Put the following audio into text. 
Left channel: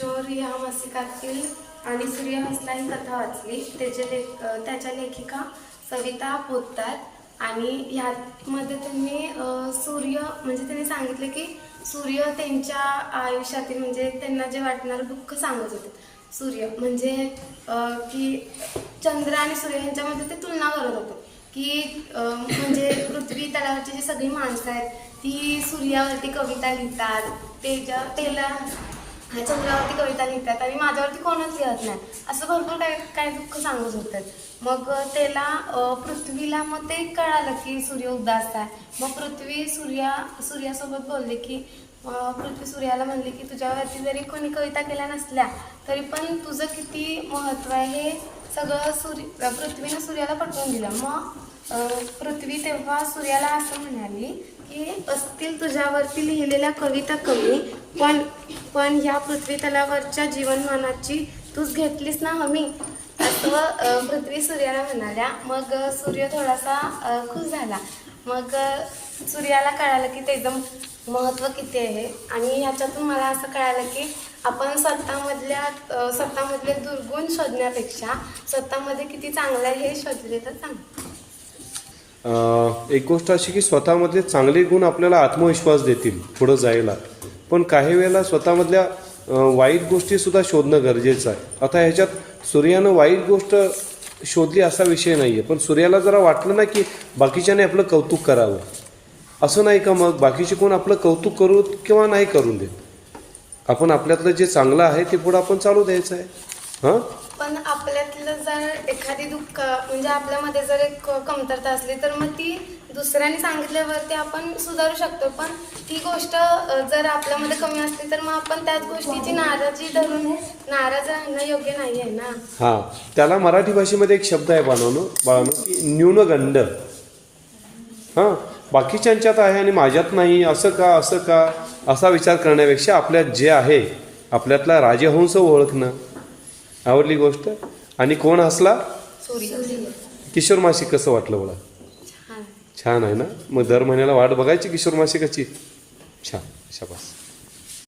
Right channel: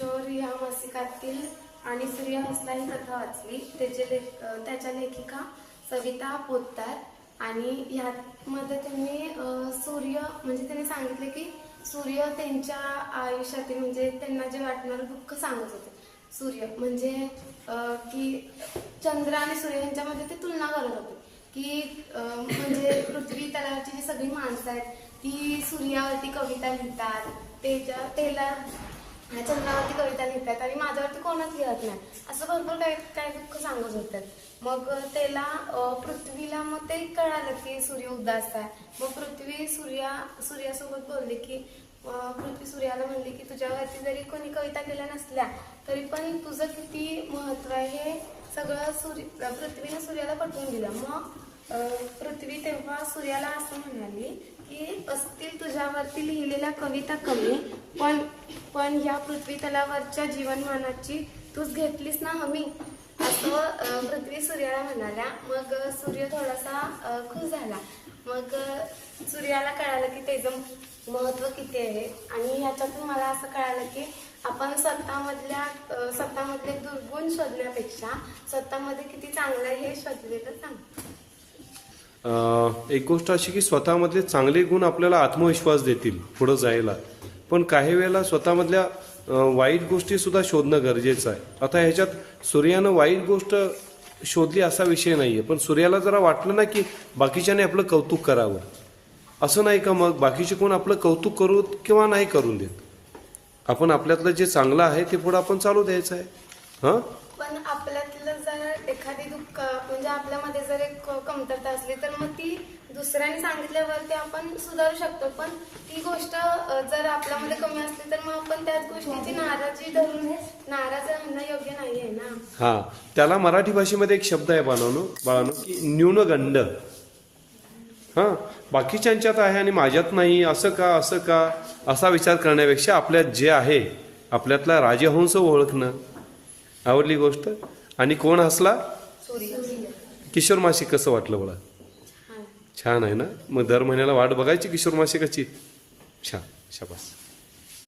किशोर या मासिकातील आणि सूर्य हसला ही कथा वाचली. त्याच्या लेखिका सविता पोतदार. आणि ह्यामध्ये त्यांनी सूर्य म्हणजे त्यांनी सांगितले की सूर्य त्यांच्या आयुष्यातील म्हणजे त्यांना जे वाटणारं दुःख सांगत होते. सूर्य म्हणजे की चंद्र आणि सूर्य यांच्यामध्ये ते तुलना करत होते की म्हणजे पृथ्वी तलावरची जी सगळी माणसं आहेत ती सूर्यावरती कविता लिहितात, चंद्रावरती कविता लिहितात आणि माझ्यावरती कोणच लिहत नाही, असं भरपूर काय दुःख सांगत होतं. मग त्याला पृथ्वीला मग ते कळालं की सूर्य उदास आहे. मग पृथ्वी सूर्यासोबत बोलले की पृथ्वी सूर्याला म्हणले की तुझ्यावरती जरी कोणी कविता केल्या नसल्या तरी पण तुझं किती महत्त्व आहे हे सगळं पृथ्वीनं सूर्याला पटवून दिलं. मग पृथ्वी तेव्हा सूर्याला असं म्हणाली की असतील तुझ्यावरती लिहिलेल्या कविता कमी, पण या पृथ्वी तलावरच्या जीवनमानाची तूच घेतलीस ना हमी, असं पृथ्वी सूर्याला म्हणाल्या. मग सूर्य थोडासा खुश झाला. मग सूर्याला कळालं की त्याचं महत्त्व किती आहे. आणि ह्याच्यातून मला असं कळालं की आपण स्वतःमधले दुर्गुण शोधण्यापेक्षा स्वतःमध्ये किती चांगलं आहे हे शोधले तर चांगलं. एक गोष्ट अशी की स्वतःमधले चांगले गुण आपल्याला आत्मविश्वास देतील पुढं जायला, पण काही वेळेला स्वतःमधल्या वाईट गोष्टीसुद्धा शोधणं गरजेचं आहे. आता ह्याच्यात सूर्यानं वाईट गोष्ट शोधली असा विषय नाही आहे, पण सूर्याला जरा वाटलं ना की बाकीच्याने आपलं कौतुक करावं, असं नाही का? मग बाकीचे कोण आपलं कौतुक करू किंवा नाही करून देत, आपण आपल्यातलं जे चांगलं आहे ते पुढं आपण चालू द्यायचं आहे. हां, पण आपल्यातलं जर एखादी दुःख म्हणजे आपल्यामध्ये जर एक कमतरता असली तर मग ती दुसऱ्याने सांगितल्यावरती आपण सुधारू शकतो. पण ती गोष्ट जर आपल्यामध्ये कमी असली तर मग आपण त्याच गोष्टीची नाराजी धरून नाराज राहणं योग्य नाही आहे ना. हां, त्याला मराठी भाषेमध्ये एक शब्द आहे बाळांनो की न्यूनगंड. हां, बाकीच्यांच्यात आहे आणि माझ्यात नाही, असं का असा विचार करण्यापेक्षा आपल्यात जे आहे आपल्यातला राजहंस ओळखणं. आवडली गोष्ट. आणि कोण हसला? किशोर मासिक कसं वाटलं मला? छान आहे ना. मग दर महिन्याला वाट बघायची किशोर मासिकाची. छान, शाबास.